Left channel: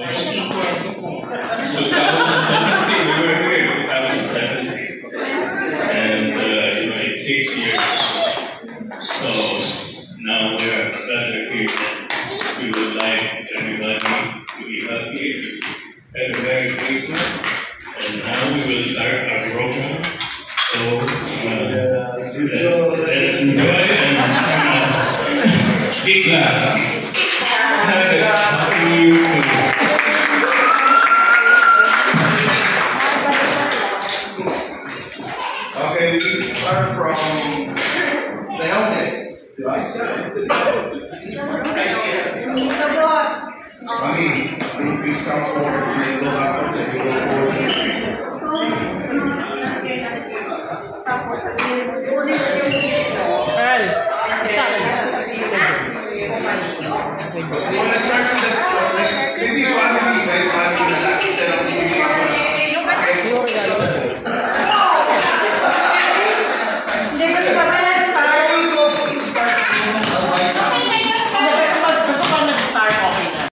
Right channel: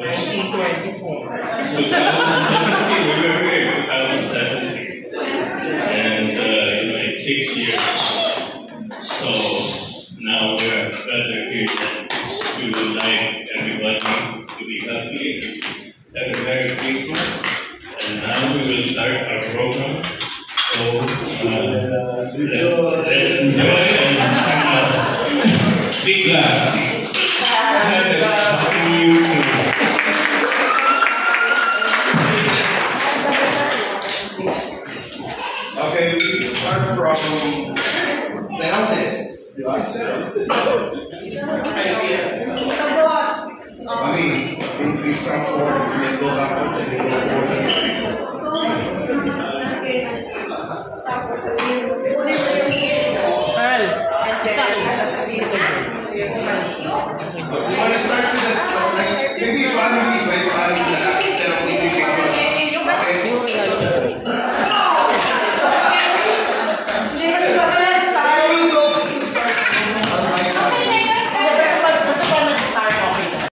1924. 2016, we were here in 2017. And it's 6 years. So now we are rather here that we would like everybody to be happy and have a Merry Christmas. And now we will start our program. So let's enjoy and big laugh. Have a happy New Year. Okay, we start from the eldest. Mami, please come forward. We go backwards and we go forward to the people. Earl, sasabihin ko.